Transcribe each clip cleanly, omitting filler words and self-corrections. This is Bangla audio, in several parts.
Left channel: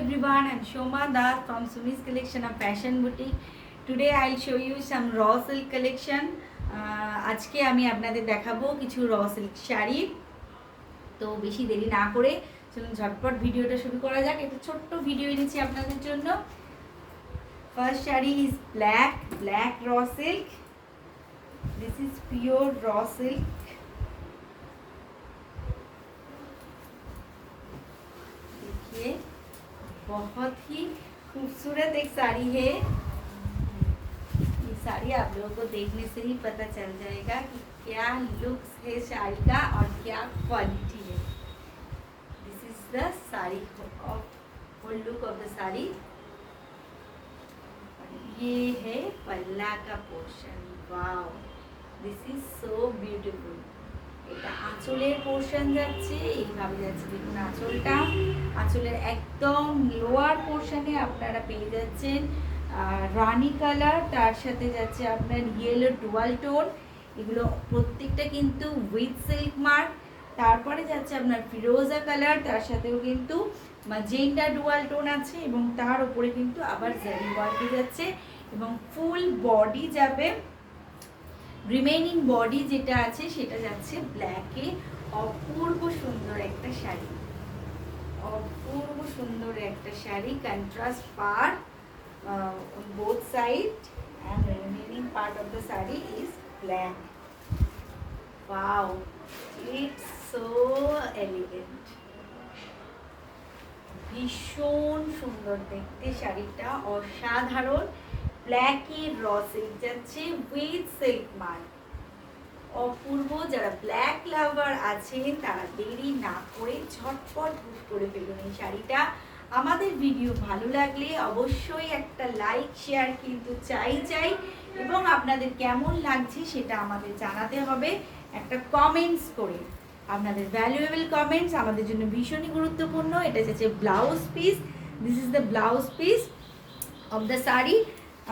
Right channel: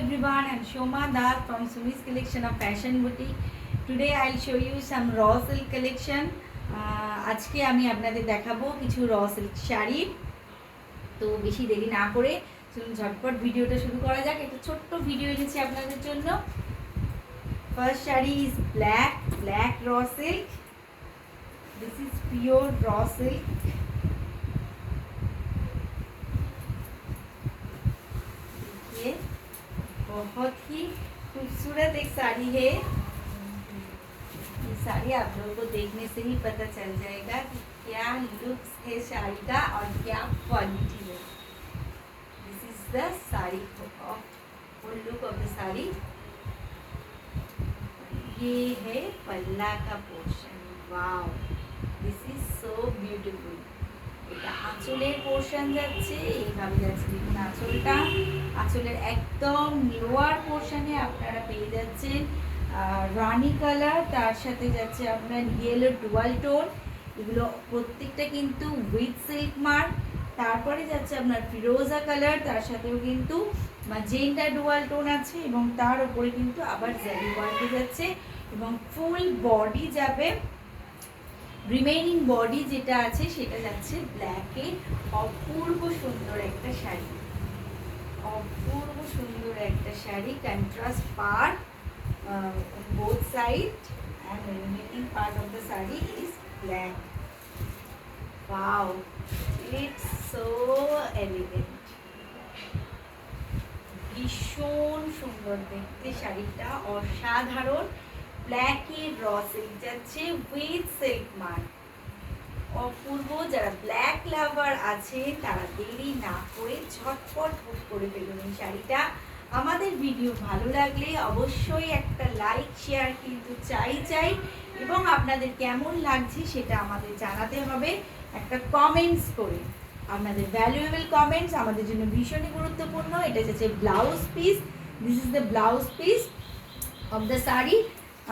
everyone, I'm Shoma Das from Sumi's collection of fashion boutique. Today I'll show you some raw silk collection. আজকে আমি আপনাদের দেখাবো কিছু র সিল্ক শাড়ি। তো বেশি দেরি না করে চলুন ঝটপট ভিডিওটা শুরু করা যাক। একটা ছোট্ট ভিডিও এনেছি আপনাদের জন্য। First sari is black raw silk. This is pure raw silk. बहुत ही खूबसूरत एक साड़ी है। ये साड़ी आप लोगों को देखने से ही पता चल जाएगा कि क्या लुक्स है साड़ी का और क्या क्वालिटी है। This is the sari of full look of the sari. ये है पल्ला का portion. Wow, this is so beautiful. এটা আঁচলের পোর্শন যাচ্ছে, এইভাবে যাচ্ছে। দেখুন আঁচলের একদম লোয়ার পোর্শনে আপনারা পেয়ে যাচ্ছেন রানি কালার, তার সাথে যাচ্ছে আপনার ইয়েলো ডুয়াল টোন। এগুলো প্রত্যেকটা কিন্তু উইথ সিল্ক মার্ক। তারপরে যাচ্ছে আপনার ফিরোজা কালার, তার সাথেও কিন্তু ম্যাজেন্টা ডুয়াল টোন আছে এবং তার উপরে কিন্তু আবার জারি ওয়ার্ক যাচ্ছে এবং ফুল বডি যাবে। রিমেইনিং বডি যেটা আছে সেটা যাচ্ছে ব্ল্যাকে। অপূর্ব সুন্দর একটা শাড়ি, অপূর্ব সুন্দর একটা sari. Contrast part both side and the remaining part of the saree is black. Wow, it's so elegant. ভীষণ সুন্দর দেখতে শাড়িটা, অসাধারণ। ব্ল্যাকের র সিল্ক যাচ্ছে উইথ সিল্ক মার্ক। অপূর্ব। যারা ব্ল্যাক লাভার আছে তারা দেরি না করে ঝটপট বুক করে ফেলুন এই শাড়িটা। আমাদের ভিডিও ভালো লাগলে অবশ্যই একটা লাইক শেয়ার কিন্তু চাই এবং আপনাদের কেমন লাগছে সেটা আমাদের জানাতে হবে একটা কমেন্টস করে। আপনাদের ভ্যালুয়েবল কমেন্টস আমাদের জন্য ভীষণই গুরুত্বপূর্ণ। এটা যাচ্ছে blouse piece. This is the blouse piece of the sari.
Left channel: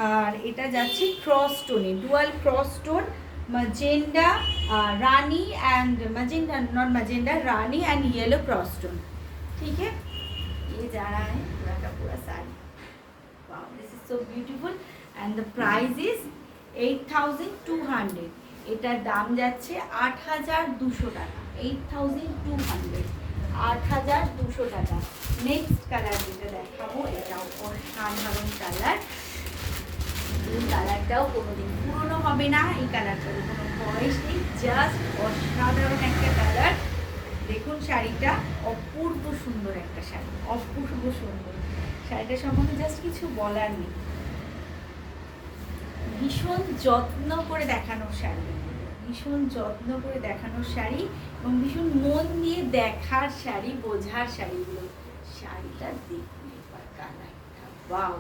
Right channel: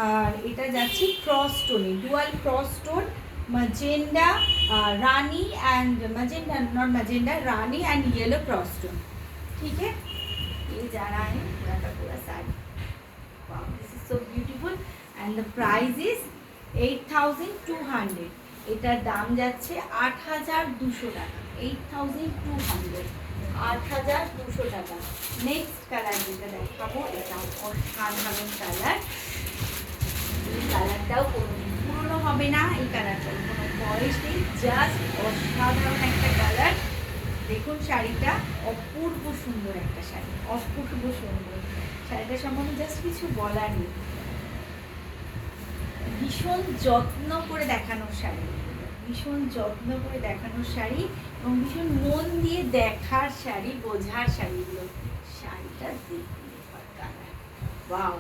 আর এটা যাচ্ছে ক্রস টোনে, dual cross tone, magenta rani and magenta not magenta rani and yellow cross tone. ठीक है, ये जा रहा है पूरा पूरा sari. Wow, this is so beautiful and the price is 8200। এটার দাম যাচ্ছে 8200 টাকা। 8200, 8200 টাকা। নেক্সট কালার যেটা দেখাবো এটাও অসাধারণ কালার। এই কালারটাও কোনোদিন পুরনো হবে না, এই কালারটার কোনো বয়স নেই, জাস্ট অসাধারণ একটা কালার। দেখুন শাড়িটা অপূর্ব সুন্দর একটা শাড়ি, অপূর্ব সুন্দর। শাড়িটা সম্বন্ধে জাস্ট কিছু বলার নেই। ভীষণ যত্ন করে দেখানোর শাড়ি, ভীষণ যত্ন করে দেখানোর শাড়ি এবং ভীষণ মন দিয়ে দেখার শাড়ি, বোঝার শাড়িগুলো। শাড়িটা দেখুন কালার, ওয়াও।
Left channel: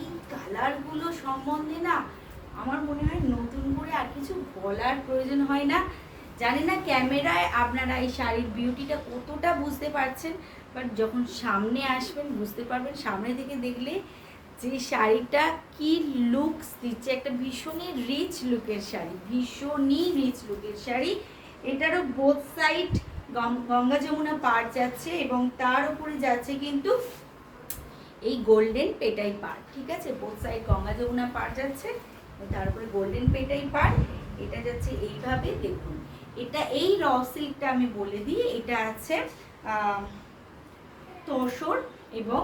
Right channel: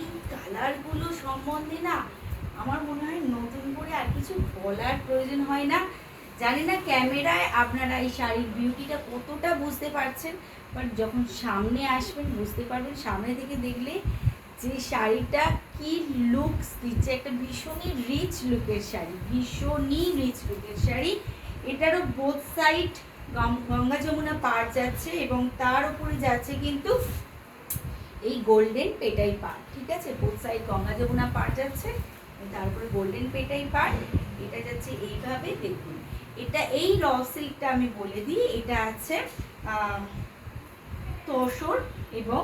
এই কালারগুলো সম্বন্ধে না আমার মনে হয় নতুন করে আর কিছু বলার প্রয়োজন হয় না। জানি না ক্যামেরায় আপনারা এই শাড়ির বিউটিটা কতটা বুঝতে পারছেন, বাট যখন সামনে আসবেন বুঝতে পারবেন। সামনে থেকে দেখলে যে শাড়িটা কি লুকস দিচ্ছে, একটা ভীষণই রিচ লুকের শাড়ি, ভীষণই রিচ লুকের শাড়ি। এটারও বোথ সাইড গঙ্গা যমুনা পার যাচ্ছে এবং তার উপরে যাচ্ছে কিন্তু এই গোল্ডেন পেটাই পার। ঠিক আছে, বোথ সাইড গঙ্গা যমুনা পার যাচ্ছে, তারপরে গোল্ডেন পেটাই পার। এটা যাচ্ছে এইভাবে। দেখুন এটা এই র সিল্কটা আমি বলে দিই, এটা আছে তসর এবং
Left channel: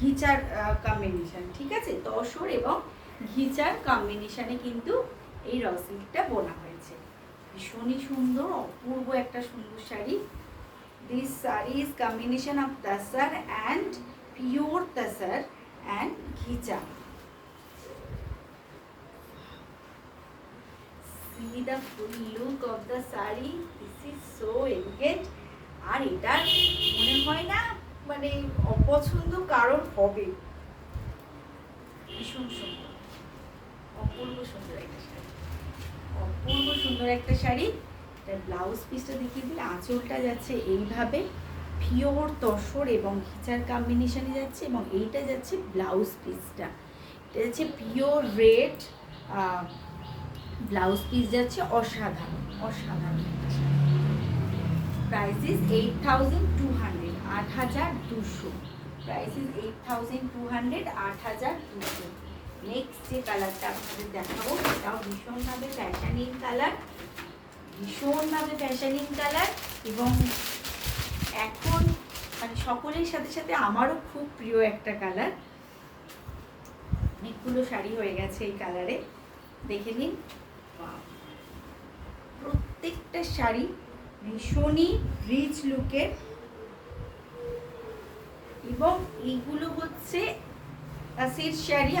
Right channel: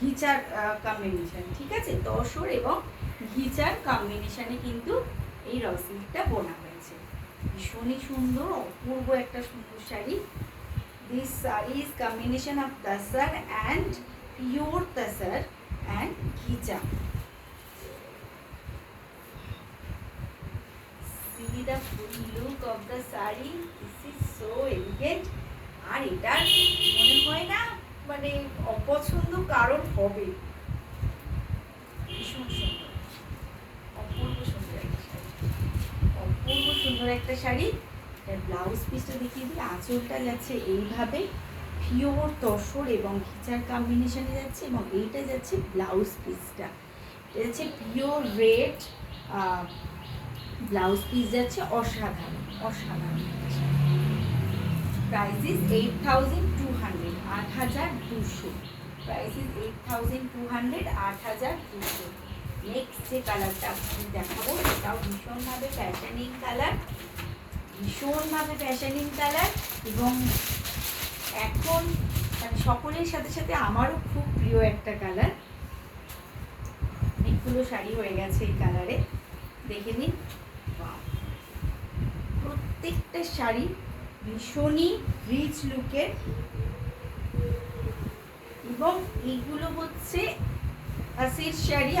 ঘিচার কম্বিনেশন। ঠিক আছে, তসর এবং ঘিচার কম্বিনেশনে কিন্তু এই র সিল্কটা বোনা হয়েছে। ভীষণই সুন্দর, অপূর্ব একটা সুন্দর sari. This sari is combination of তাসার and pure tasar and ghicha. See the full look of the saree. This is so elegant. আর এটা মনে হয় না মানে অপছন্দ কারণ হবে। ভীষণ সুন্দর, অপূর্ব সুন্দর একটা শাড়ি, অপূর্ব সুন্দর একটা শাড়ি। এটার ব্লাউজ পিসটা দেখিয়ে দিই। আঁচলটা যাচ্ছে এইভাবে পিওর তসর এবং ঘিচার কম্বিনেশনে যাচ্ছে এবং এইটা যাচ্ছে ব্লাউজ পিসটা। এটা যাচ্ছে পিওর রেড ব্লাউজ পিস যাচ্ছে। অসাধারণ, অসাধারণ। Price is 8200, 8200। Price is 8200, 8200। Next যে কালারটা আপনাদের দেখাবো সেটাও ভীষণভাবে ফ্যাশনিং কালার, ভীষণভাবে ফ্যাশনিং কালার, এবং এখন মানে সকলের সাথে সাথে আমারও খুব প্রিয় একটা কালার। অনেকগুলো শাড়ি হয়ে গেছে এই কালারে, দেখে নিন। প্রত্যেকটা শাড়ি ভীষণই রিচ লুকের, এবং এইগুলো হচ্ছে সিল্ক শাড়ি।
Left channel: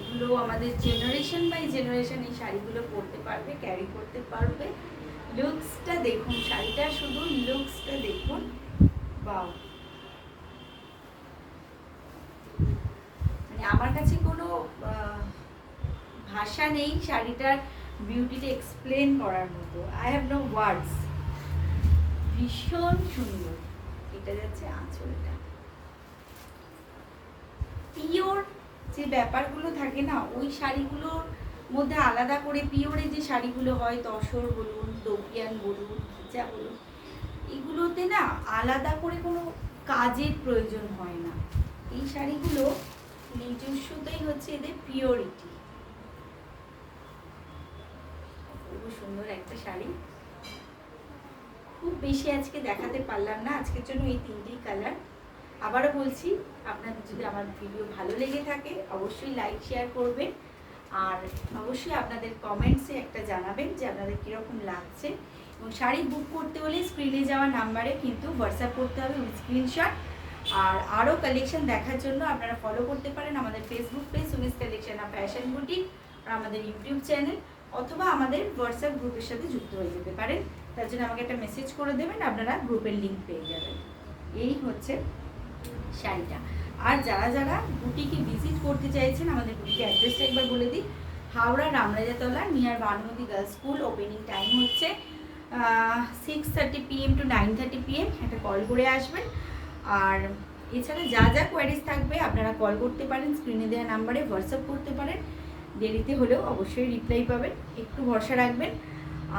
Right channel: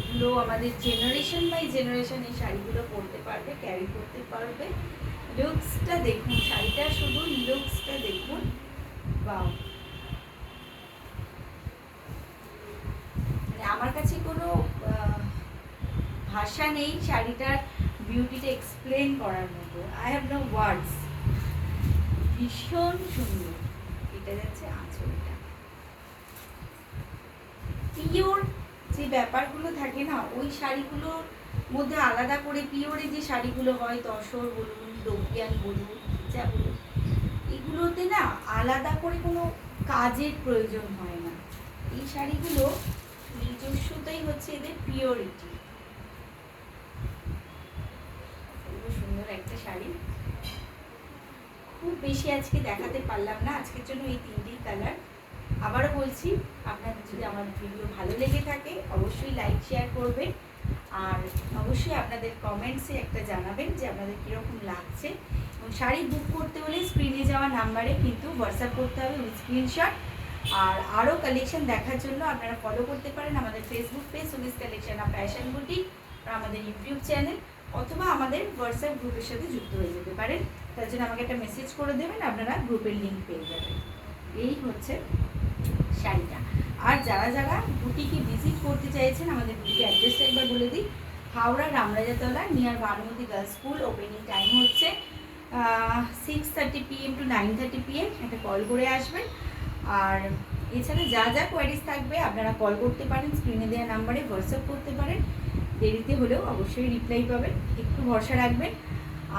এগুলো আমাদের জেনারেশন বাই জেনারেশন এই শাড়িগুলো পরতে পারবে, ক্যারি করতে পারবে। লুকসটা দেখুন, শাড়িটা শুধু লুকসটা দেখুন, বাও। মানে আমার কাছে কোনো ভাষা নেই শাড়িটার বিউটিটা এক্সপ্লেন করার মতো। I have no words. ভীষণ সুন্দর। এটা যাচ্ছে আঁচলটা। পিওর যে ব্যাপারগুলো থাকে না, ওই শাড়িগুলোর মধ্যে আলাদা করে পিওরে যে শাড়িগুলো হয়, তসর বলুন, ডোকিয়ান বলুন, যা বলুন, এগুলোতে না আলাদা করে কোনো কাজের প্রয়োজন হয় না। এই শাড়িগুলো নিজস্বতাই হচ্ছে এদের পিওরিটি। খুব সুন্দর একটা শাড়ি। খুব বেশি আজকে দেখাতে পারলাম না, আজকের জন্য এই তিনটেই কালার। আবারও বলছি, আপনাদের যদি আমার ভিডিও ভালো লেগে থাকে অবশ্যই লাইক শেয়ার করবেন, আর অবশ্যই আপনাদের কমেন্টসে একটা জানাবেন যে আপনাদের কীরকম লাগছে। এবং শাড়ি বুক করতে হলে স্ক্রিনে যাওয়া নাম্বারে কিন্তু হোয়াটসঅ্যাপ করতে হবে উইথ স্ক্রিনশট। আর আরও কালেকশন দেখার জন্য আপনারা ফলো করতে পারেন আমাদের ফেসবুক পেজ সুমিস কালেকশন আর ফ্যাশন বুটিক, আর আমাদের ইউটিউব চ্যানেল, অথবা আমাদের হোয়াটসঅ্যাপ গ্রুপের সাথে যুক্ত হয়ে যেতে পারেন। তার জন্য আমাকে একটা মেসেজ করে দেবেন, আপনারা গ্রুপের লিঙ্ক পেয়ে যাবেন। এই হচ্ছে শাড়িটা। আর যারা যারা বুটিকে ভিজিট করতে চাইছেন, আমাদের বুটিকে অ্যাড্রেসটা একবার বলে দিই। Howrah Ramrajatala, near Bhanumati girls school. Opening time হচ্ছে 6:30 PM to 9:30 PM। একটা কল করে আসবেন। আর এছাড়া যা যা কোয়ারিজ থাকবে আপনারা কল করতে পারেন, স্ক্রিনে দেওয়া নাম্বারে হোয়াটসঅ্যাপ করতে পারেন। দেরিতে হলেও অবশ্যই রিপ্লাই পাবেন, একটু ভরসা রাখবেন।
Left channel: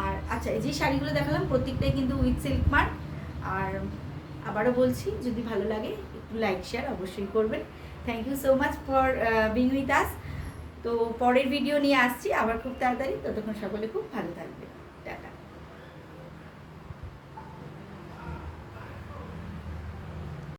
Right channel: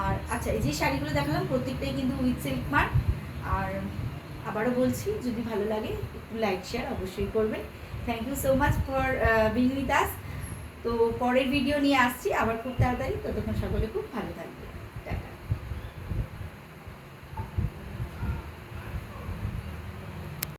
আর আচ্ছা, এই যে শাড়িগুলো দেখালাম প্রত্যেকটাই কিন্তু উইথ সিল্ক মার্ক। আর আবারও বলছি, যদি ভালো লাগে একটু লাইক শেয়ার অবশ্যই করবেন। Thank you so much for being with us. তো পরের ভিডিও নিয়ে আসছি আবার খুব তাড়াতাড়ি। ততক্ষণ সকলে খুব ভালো থাকবে।